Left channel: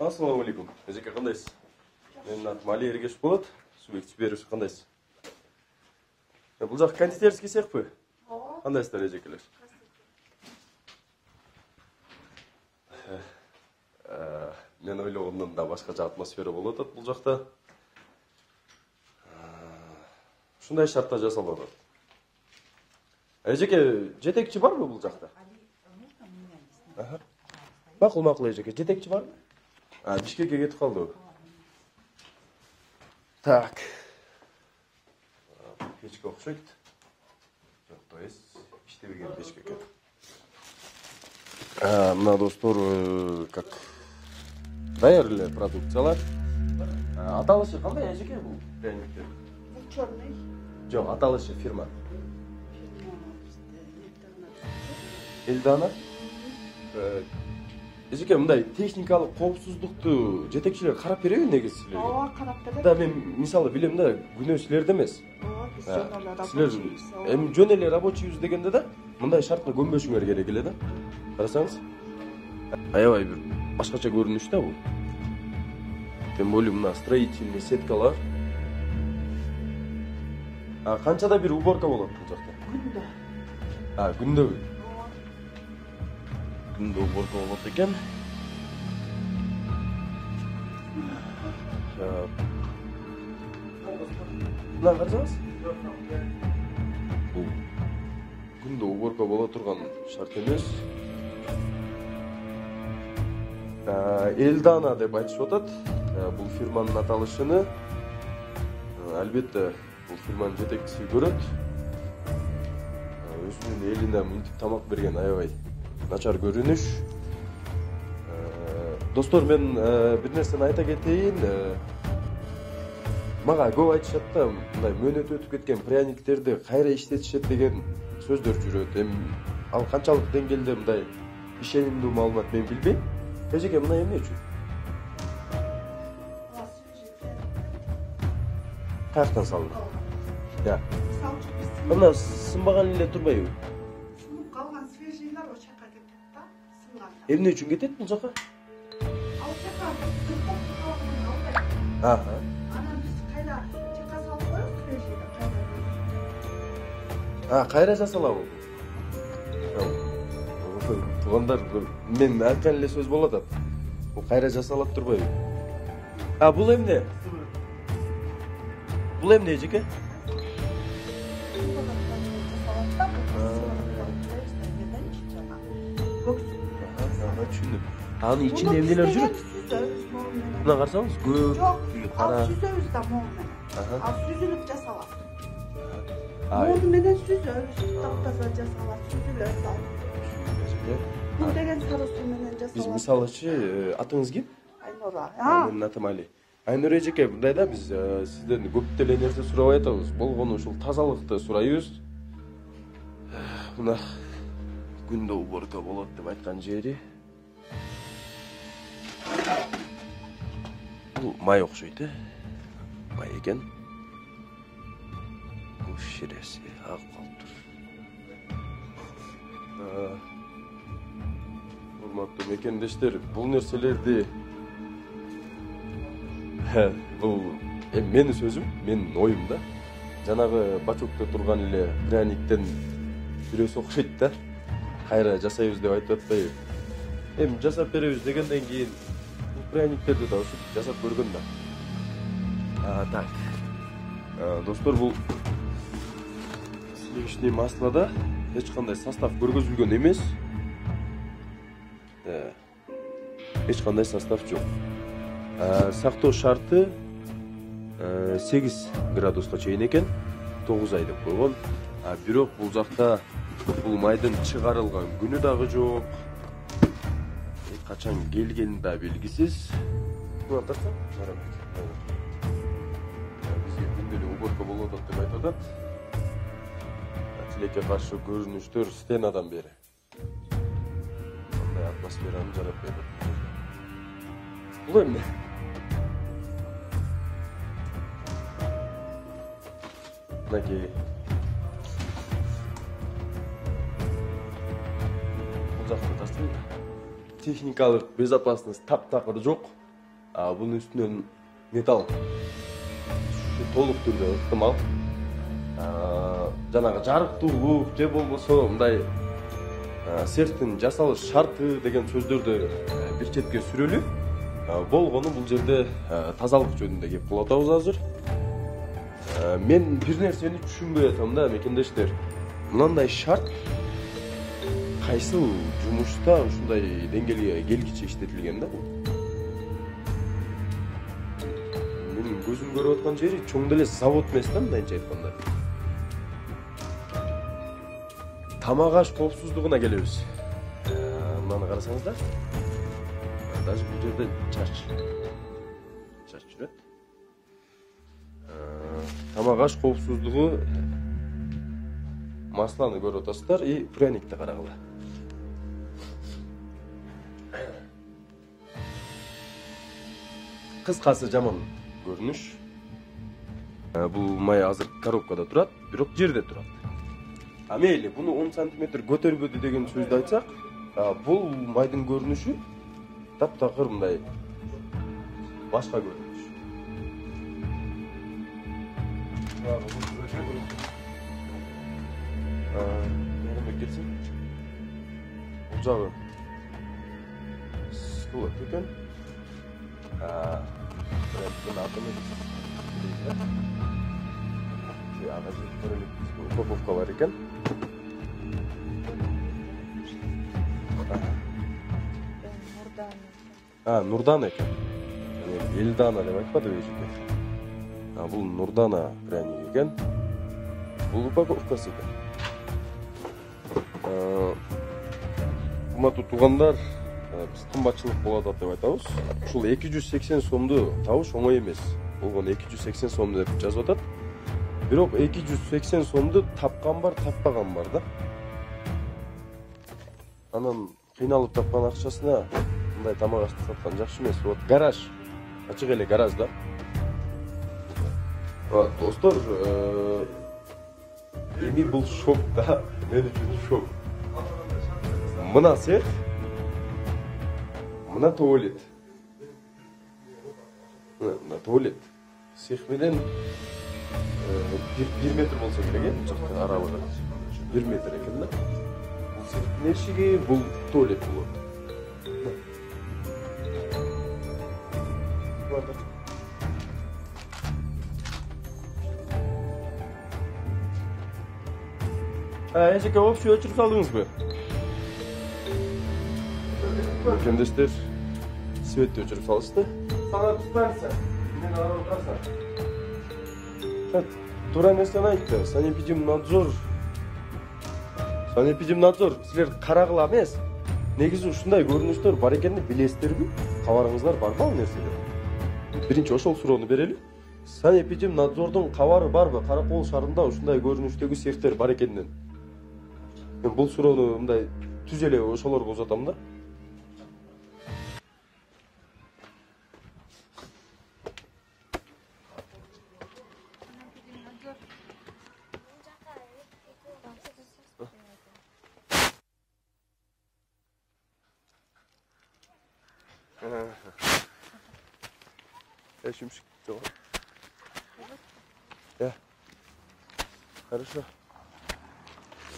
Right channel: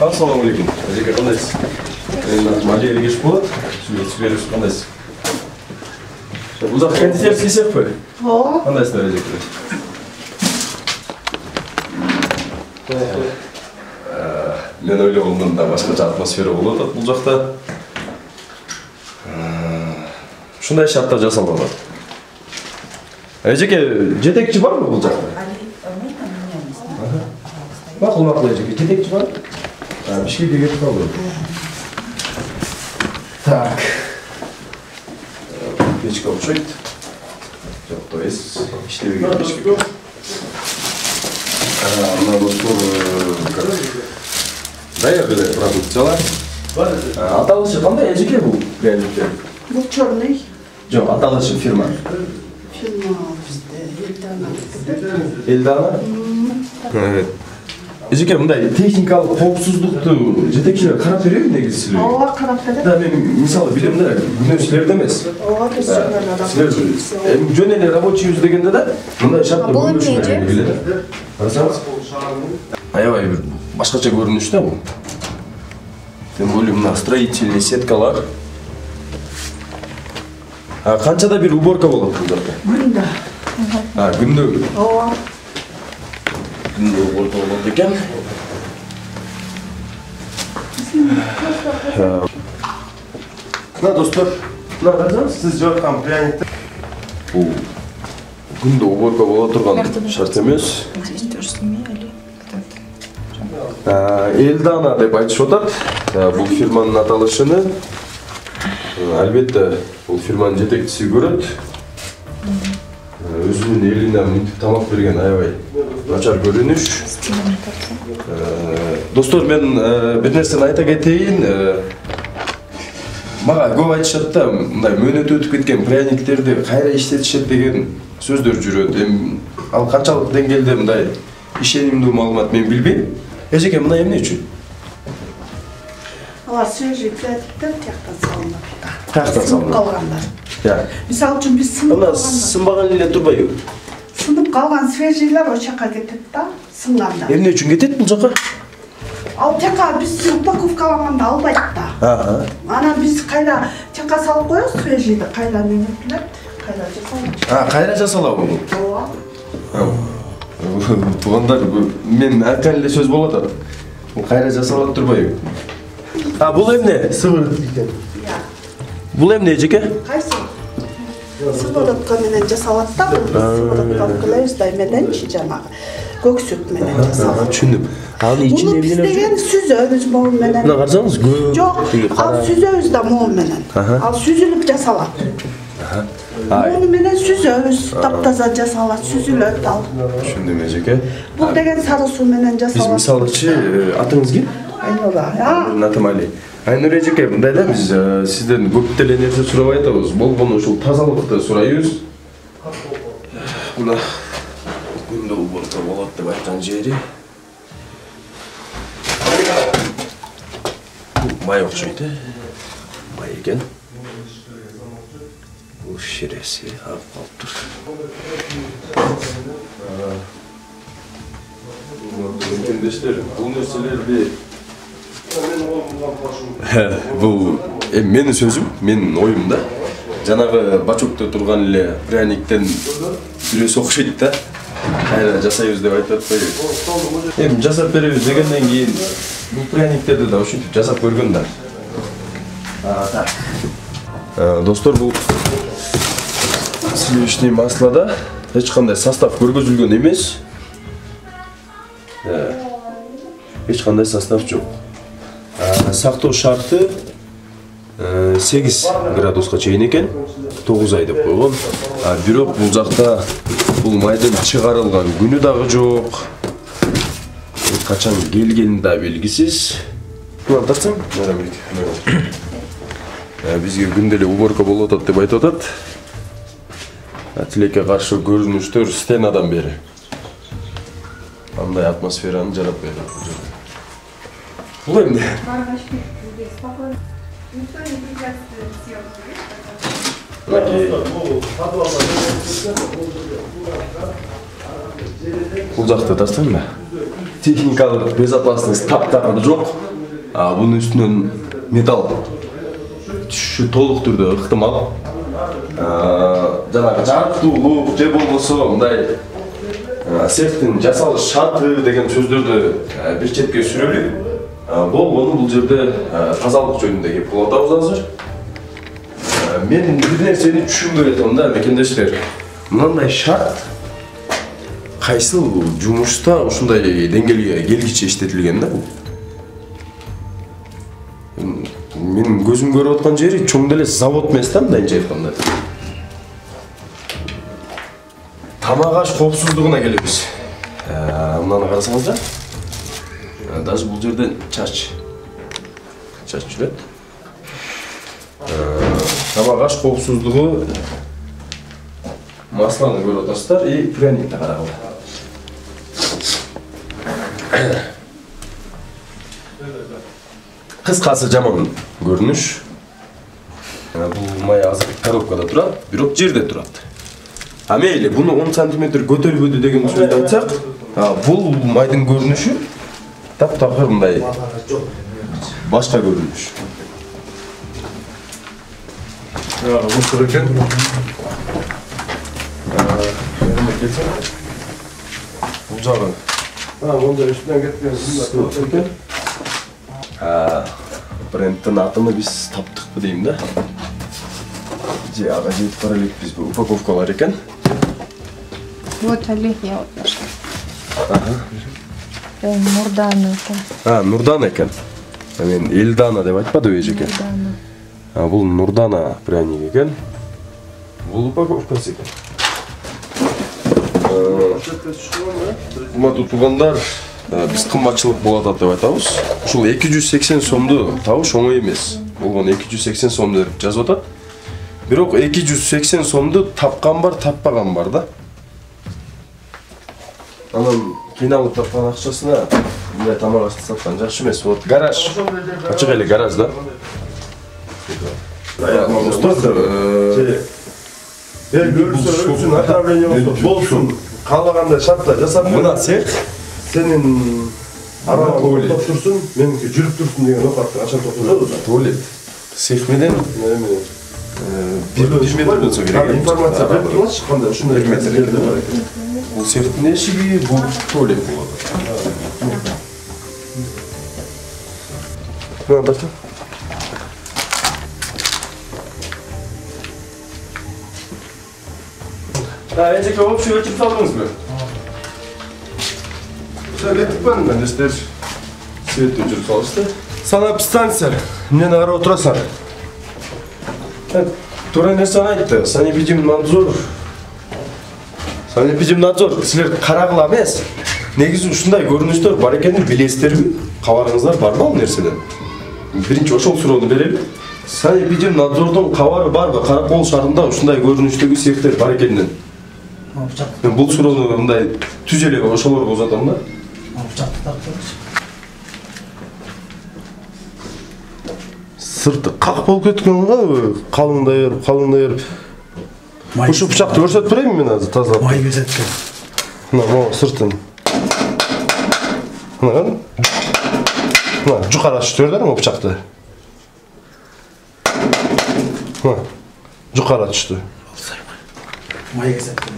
Ассалаумалейкум. Эжеке кандайсыз? Малия Ергеш болот. Сүйлөшүп кандайсыз? Бул жак кондитер сейсекпи? Ооба. Кандайсыздар эжеке? Мен ойлогондон да башкача атмосфера болуп атат бул жакта. Ушундай шартта жасалган. Эжеке, жетекчи барбы бул жакта? Макул эжеке, жетекчи бар? Бишкекке кетип калды. Так. Печка окшойт. Жок, то есть иштебеген печка. Мына достор даяр эле продукциялар. Аталышы кандай эжеке бул пряниктер? Бул черный. Жок, аталышы фирма. Фирма бизде Элдана. Evet. Эжеке, мындай техникалык коопсуздукту жетекчилер карап береби негизи силерге? Ооба, карап берет. Да, мен мисалы билем да, күнөө силерде эмес. Ооба, биз Силер эми жөн эле рабочий жүз дегенде да мындай шартта көрүнүш келет. Карасаңыз, аябай бир башкача көрүнүш да бул. Тем более мына строительный сеткалар. Канчада бир уборка болот бул жакта? Күндө. Күндө. Ооба. Күндө уборка болот экен. Мына достор, мына карасаңыз, сиз жаткан пряниктер бул күндө уборка боло турган шарт эмес. Элдана деп айтышып атат. Бул фирманын аталышыны албетте бул фирманын жетекчиси көрөт. Өзүнүн элине мынтип тамак берген аябай начар көрүнүш. Достор, мен бир нерсени айта кетейин. Мага көп айтышат да, мындай мөөнөтү өтүп кеткен пряниктерди кайра иштетишет деген сөздөр жүрөт. Эми ал канчалык деңгээлде мындай ишенимдүү маалымат мен билбейм. Эжеке, мына эмне үчүн? Алар свежий пряниктер тияктан салынат. Тияктан салынат. Калгандар. Мисалы үчүн биз сынып калган. Сынбаган эле турбайбы? Сынып калган свежийлер ошол жака кетет да, сынганда. Эмне үчүн кетет бул жака? Ал жака биз упаковкалаганда албайт да. Анан биз кайра жака салып коебуз свежийди, кайра неметилет, кайра жасалат. Кайра жасалабы бул? Ооба. Туугандар, мен айткан эле сөз болот атат. Бул кайра жасалат турбайбы? Бул эмне? Сыворотка. Бул эмне эжеке? Кайсы? Сыворотка менен жасалат да. Сыворотка алып келебиз да эмененчи жанагы көк сүт менен жасалат. Түшүндүм. Анын ичинде эмне бар? Биз сүзөбүз мол менен. Мына карасаңыз, Жок, ал сүзөбүз да мол менен. Ал сүзүлүп жасалат. Мол менен сүзөбүз, таптаза жасалат, сүзүлөт ал. Түшүндүм эжеке. Бул деген сары суу менен Биз жасалат. мисалычы, атыңыз ким? Айнура. Менин атым Али. Айнура эжеке, мындай да биз сизден көп деле нерсе сурабай атабыз. Болгону ушул тазалыкты сурайбыз. Мына күндө уборка болот деп айткан жери. Май окшойт, май экен. Бул ширеси алып калыптыр. Бул нерселерди бул менин сөзүм, менин оюм да. Жанагы бачокто турган эле пряниктен бирөөсү окшойт да. Кайра жасайбыз деп айтып атпайбы? Эми жасап беребиз дегенден кийин бул пряниктерди да ушинтип жасап көргөн да. Достор, бул сливочный маслода эч кандай состав көргөзүлгөн эмес. Эч кандай состав жок. Сактоо шарты 8 градуска чейин экен, 9 ай деп койгон. Бирок бул жакта бул майдын чыгарылган күнү дагы жок. Качан келгени да белгисиз. Куан тартсаң, бизге күндө эле уборка болуп атат деп айтып атат. Тилекке каршы көрүнүштөр стенадан бери. Андай атмосфераны жарап берет. Бул эмне? Бул жакты тастайм да. техникалык безопасность таптакыр жок. Bunun üstünden metal түшүшү толук түрдө ыктымал. Жанагы жарыктуулук же болбосо мындай цехтин жасалыш шарты деген сөздөрдү бир четке сүрөлүп, болгону бул жерде тазалык жөнүндө кеп кылып атабыз азыр. Мен бир нерсени түшүнбөй атам да, мекендештер. Мындай шарт кайсыл жумушта ушундай деңгээлге келгиче иштетилген да бул? Менин көзүм көрүп аткан жери чоң деле завод эмес да, мындайча айтканда. Тамак аш коопсуздугуна келебиз. Мынаны карасаңыздар. Даже бул жерден чач жүрөт. Тамак аш коопсуздугу масланы көрүп атасыздар и пряникти карагыла. Кыскасы жаман көрүнүш. Бул май азыр коробкада турат, бирок жерде турат. Мейли, буну 10 см көтөрбөдү деген сөздү айтсак, бул майдын көрүнүшү таптакыр мындай башка көрүнүш. Мусор экен. Бул жагы. Монда үстүнөн кеткен экен. Брендтин атыны биз таптыкпы дейм да. Же ага жетип бара элекпиз, бул упаковкалар экен. Вот Олегия. Нурдана экен. Нурдана экен. Мен Элдана деп айтпадым эже экен. Бул Нурдана пряник экен. Бул упаковкасы экен. Урматтуу туугандар, биз кымбатчылык болот деп айтабыз. Ушул 280 сомду табыш оңой эмес. Болгон 280 сом деп жазып атат. Бирок 280 сомду тапкан бар, таппаган бар да. Анан кыйналып тапкан акчасына мындай тамак ашты саткан жакшы эмес. Вот гараж. Ачык эле гараж да. Görürsün, направление болsun. Kalaganda şartlar жасап мына цех сенин арага токтоп турсун, меники жүрүп турсун деген окатты ача токтотот. Туалет. Цех менен 1 метр болсо керек. Информация берип турчу, кандай ушундай 1 метр экен. Бул цехтин эшиги, бул туалет болот. Мына башы. Эжеке общий ölçüp салдыңыз бе? Söylетіп бәрін мәнестер светті жүріп салышты. Санап станция, мен ара отырасың. Тура нерсені айтты, санэпидемнадзор. Санэпидемнадзор, сілер қарағыла емес. Негізі ушундай көрүнүштөр бар экенин билесиздерби? Кабарыңыздар бар ма бул нерседен? Биринчи ошол суроону берели. Санэпидемнадзордун кабары барбы? Каракол шаарында ушундай көрүнүштөгү цехтер бар экенин. Мен бұл суроону мындай түз эле ошолорго узатам да. Сырты как болуп кеткен го? Калыңдайыр. Ушу бычакты көрсөтүп берейинби мен азыр тазалап? Май безеткен. Мына сыртын. Мына жукара түштүрдүр му бычакты? Мына жукара түштү. Май безеткен.